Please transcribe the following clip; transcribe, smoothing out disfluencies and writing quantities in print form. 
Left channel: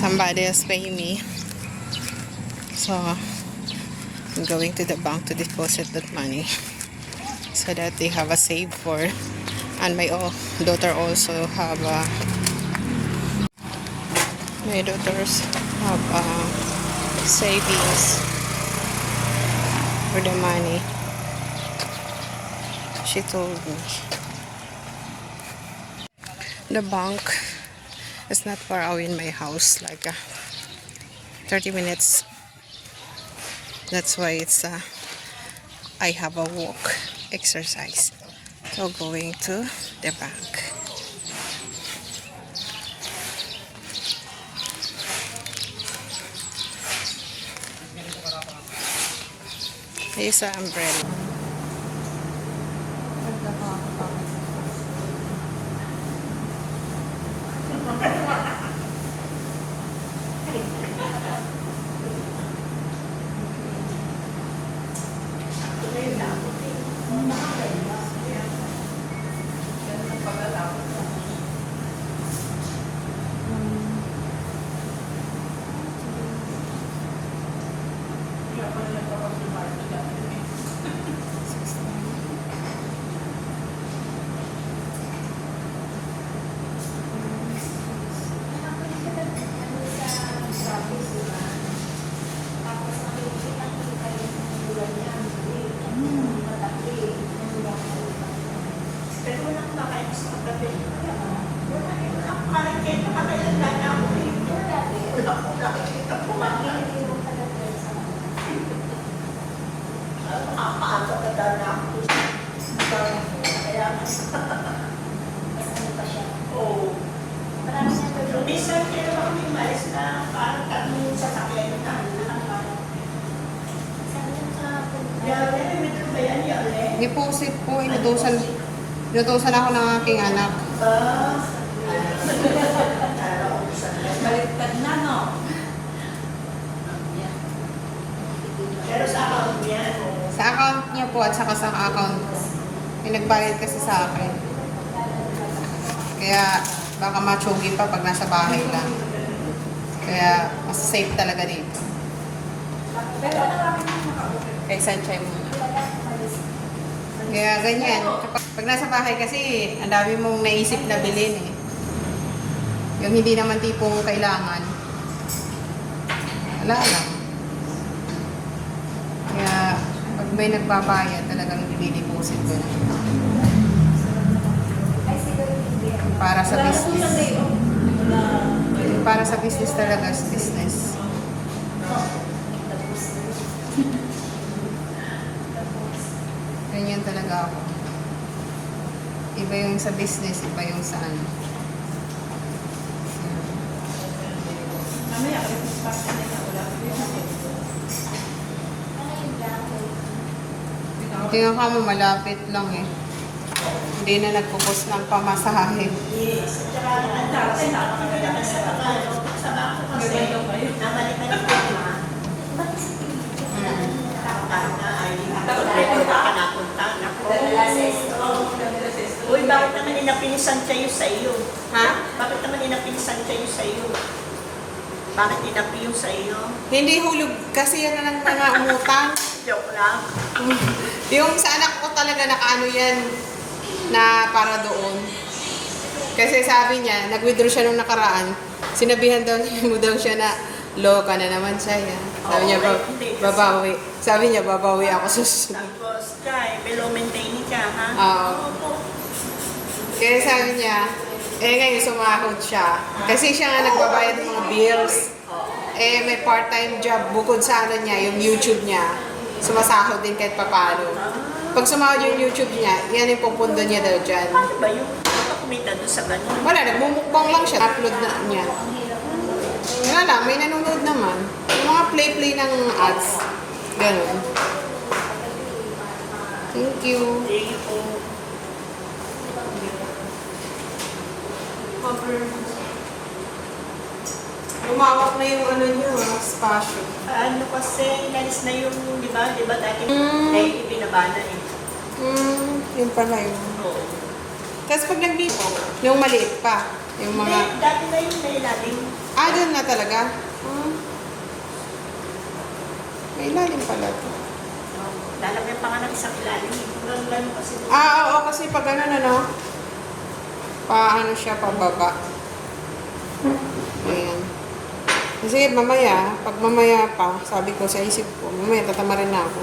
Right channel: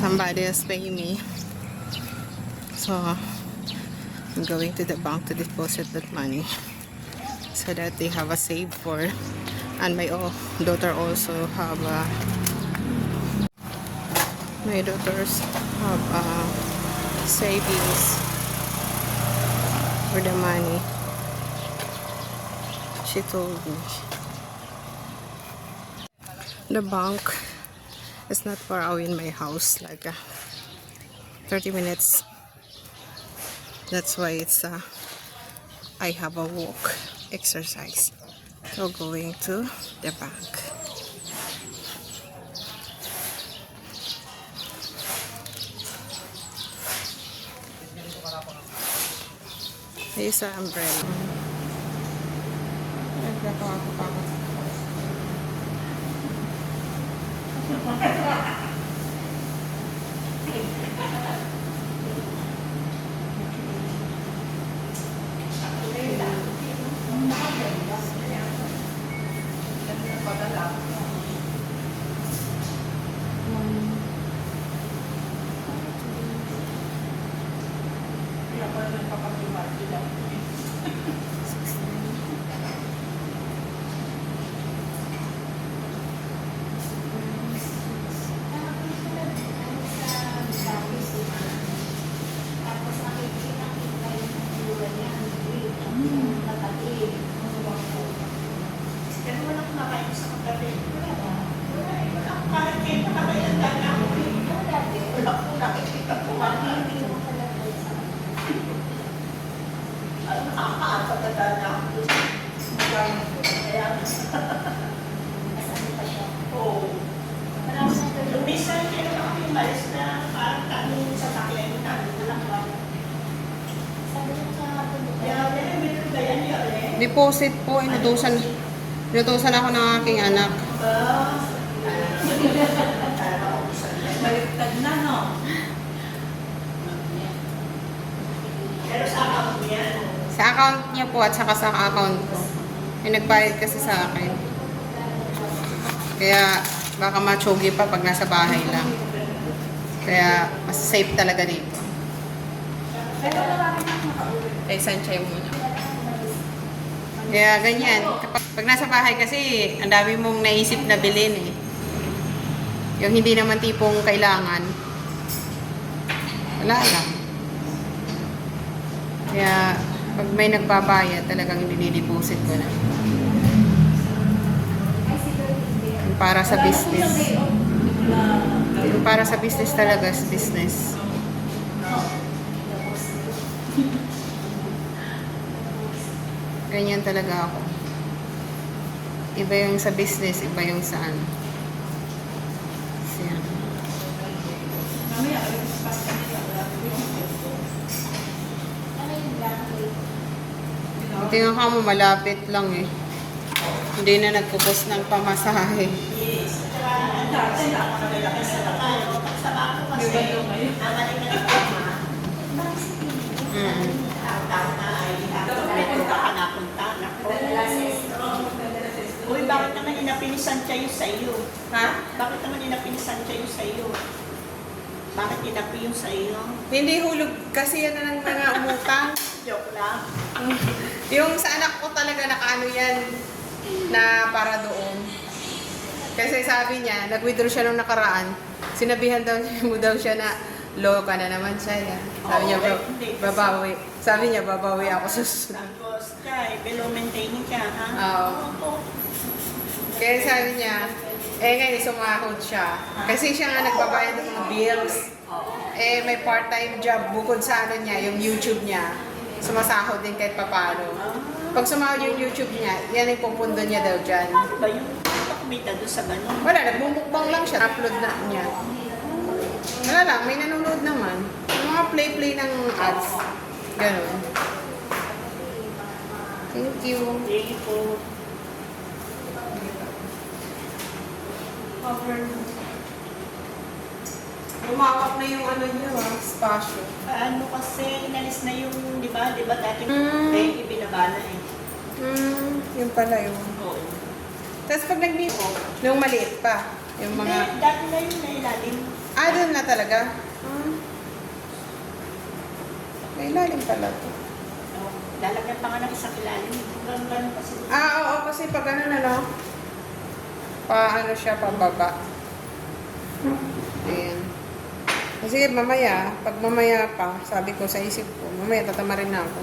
Somebody is paying me. So, I'm going to the bank to deposit that money. So that they have a save for. And my daughter also have my daughters have savings for the money. She told me. The bank is not far away in my house, like 30 minutes. That's why it's I have a walk exercise. So going to the bank. Here's an umbrella. Deposit po, inutusan ako ng aking anak. Baliktad na, no? Pero sa account niya? Sa account niya po at saka sa account ko. May nagbayad kasi sa akin. Kaya baka matsugi pa pag nasa bahay lang. Kaya mas safe talaga dito. Ay, sanchay muna. Kaya ganyan. Pag nasa bahay kasi, ang dami mong naisip na bilhin eh. Yung hindi naman tipong kailangan. Wala lang. Kaya pag may nagbabayad, talagang nilideposit ko na. Para sa business. Para sa business talaga, business. Ganyan talaga ako. Iba yung sa business, iba yung sa ano. Hindi nga kamo, malapit lang eh. Hindi na nagpupos ng pamasahe. Yes. At dati napakaganda ka sa naman. Sa bako kasi, namalik ka ng tema. Tama ay nakapagreto ka napunta. Uy, bakit naman inapinisan kayo sa iyo? Ha? Bakit naman inapinisan kayo sa iyo? Bakit inapi yung sa iyo? Hindi hulog kasi yan na lang mga umutang. Joke lang. Yung sa anak ko talaga nakaano yan na para doon. Kasi sabi niya, nag-withdraw siya nung nakaraan. Sinabihan mo daw siya na loka na naman siya. Yeah. Sabi niya, babawi. Sabi niya, babawi ako susunod. Tapos, Jai, below maintaining ka, ha? Oo. Kaya sabi niya, ngayon sumahod siya. Kasi siya nga nagbabayad ng mga bills. May part-time job bukod sa ano niya, yung YouTube niya. Sumasahod din kahit papano. Pag sumahod yung YouTube niya, yan yung pupundo niya daw dyan. Paano ba yung kumita doon sa ganun? Wala, nagmumukbang lang siya. Upload na niya. Wala lang, may nanonood naman. Yung mga play-play ng ads. Ganun. Thank you. Thank you po. Lumawak na yung ano niya, spasyo. Ano kasi, nalis na yung, di ba dati dahil ibinabana eh. Yun pala yun. Oo. Tapos pag nagbipo, yung maliit pa. Yung mga... Hindi, dati na yung nailalim. Doon na talaga? Ilalim pala ito. Lalagyan pa nga ng isang ilalim. Ganun kasi. Oo, kasi pag ano paano siya pababa. Ayan. Kasi mamaya, pag mamaya pa, sabi ko sa isip ko, mamaya tatama rin ako.